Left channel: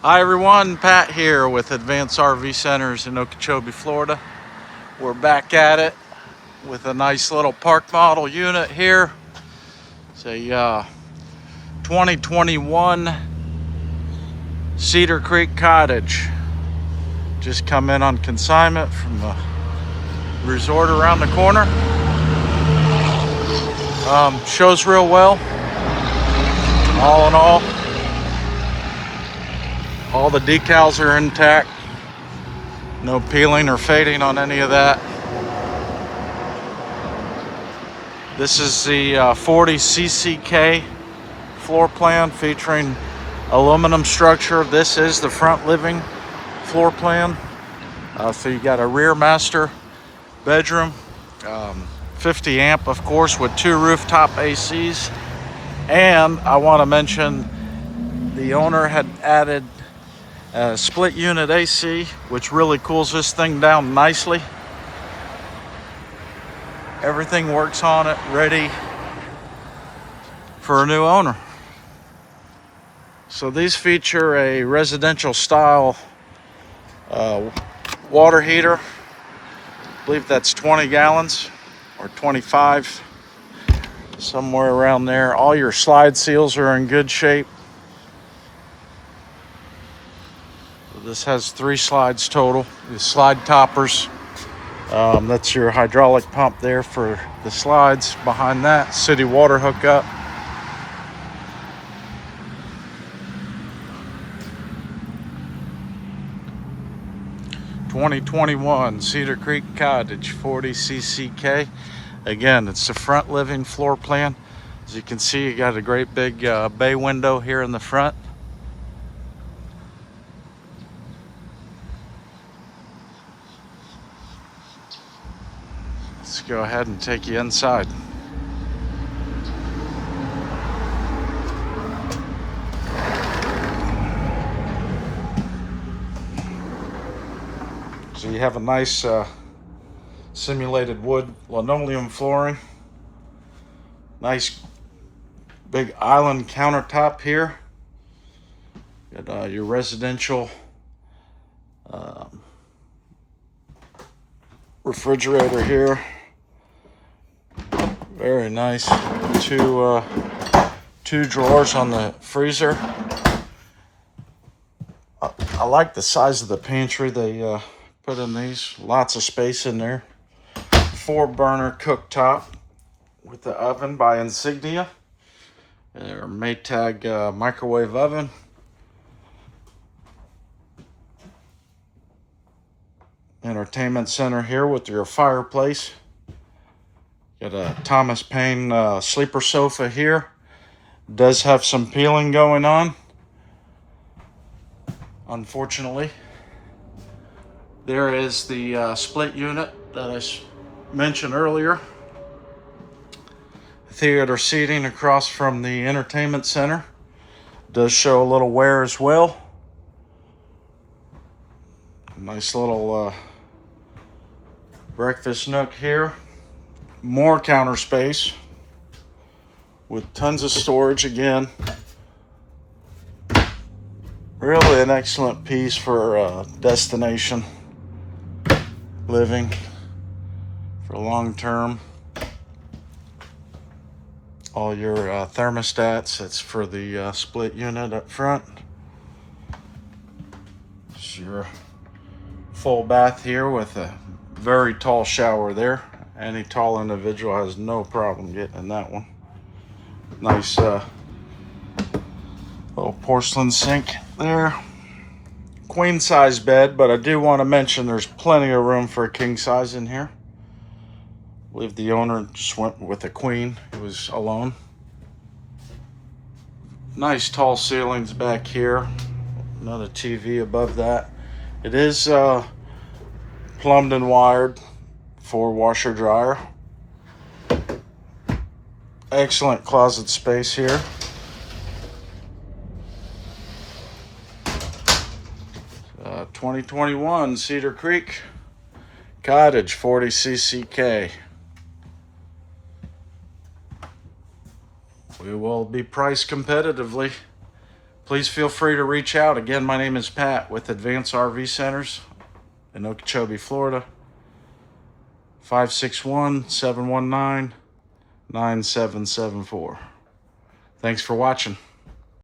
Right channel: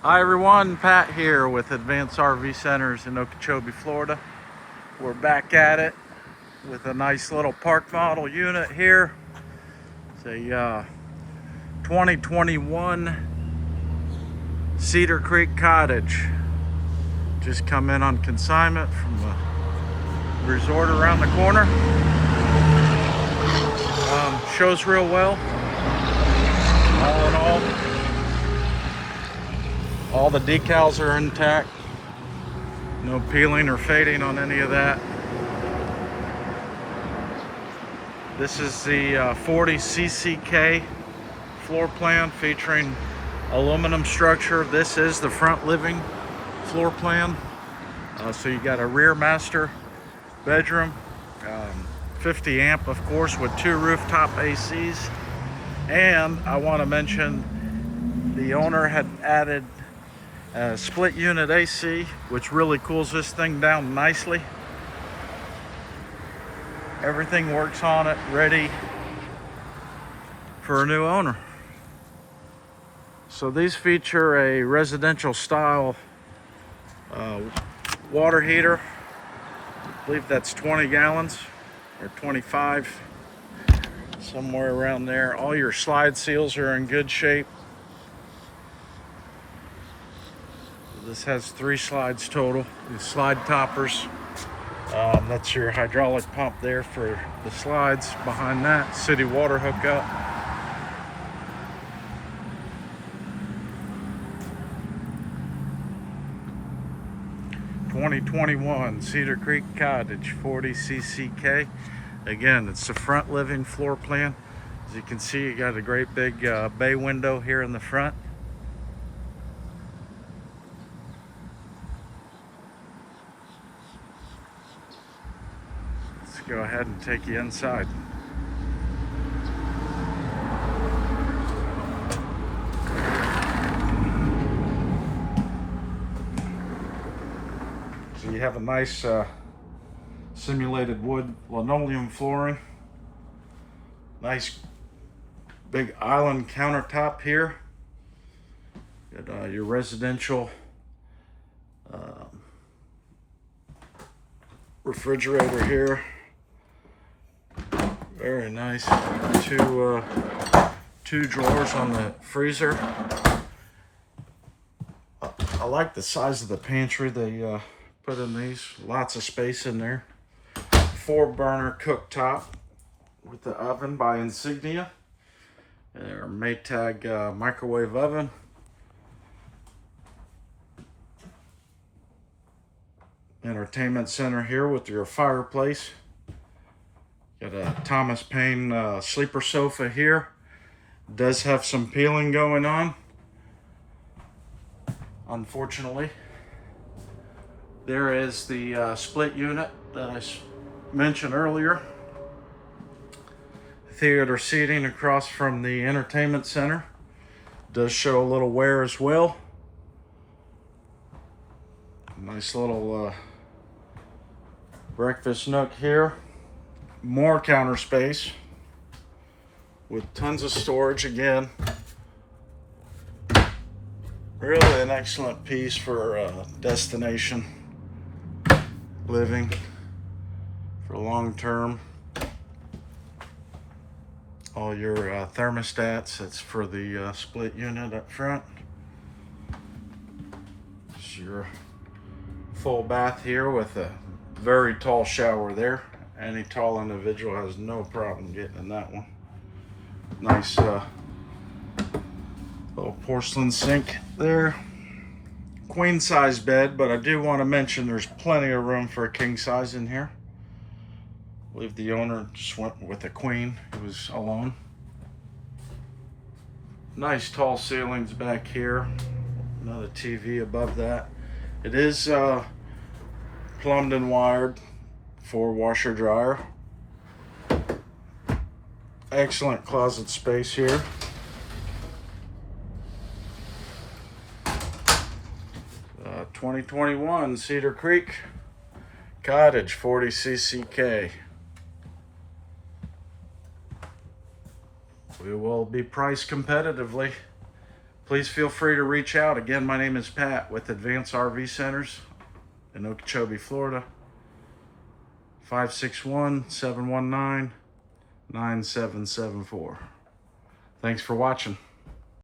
Hi everyone, Pat here with Advanced RV Centers in Okeechobee, Florida. We're back at it with a nice little park model unit here. It's a 2021 Cedar Creek Cottage. Just come in on consignment from the resort around the corner. Shows real well. All in all the decals are intact. No peeling or fading on any of that. This is the 40Cck floor plan featuring aluminum structure. This is the front living floor plan. So you got a rear master bedroom, 50 amp of course with 2 rooftop ACs. And I want to mention the owner had added a split unit AC, which really cools this thing down nicely. Everything works on it, ready for a new owner. So these feature a residential style water heater. I believe that's 20 gallons or 25, somewhere around there. All your slide seals are in good shape. This has 3 slides total. The slide toppers. That's your hydraulic pump there for the slides. Behind that, city water hookup. '21 Cedar Creek Cottage 40Cck. Again, it's the front living floor plan. As you can see, you got a great big bay window here in the front. Let's go ahead and take you inside. So you have a nice simulated wood linoleum flooring. Nice big island countertop here. Got your residential refrigerator here. Very nice. Two drawers on the freezer. I like the size of the pantry they put in these. Lots of space in there. 4-burner cooktop with the oven by Insignia. Their Maytag microwave oven. Entertainment center here with your fireplace. Got a Thomas Paine sleeper sofa here. Does have some peeling going on, unfortunately. There is the split unit that I mentioned earlier. Theater seating across from the entertainment center. Does show a little wear as well. Nice little breakfast nook here. More counter space with tons of storage again. Really an excellent piece for destination living for long term. All your thermostats, that's for the split unit up front. It's your full bath here with a very tall shower there. Any tall individual has no problem getting in that one. Nice little porcelain sink there. Queen size bed, but I do want to mention there's plenty of room for a king size in here. I believe the owner just went with a queen. He was alone. Nice tall ceilings back here. Another TV above that. It is plumbed and wired for washer dryer. Excellent closet space here. 2021 Cedar Creek Cottage 40Cck. We will be priced competitively. please feel free to reach out. Again, my name is Pat with Advanced RV Centers in Okeechobee, Florida. 561-719-9774. Thanks for watching.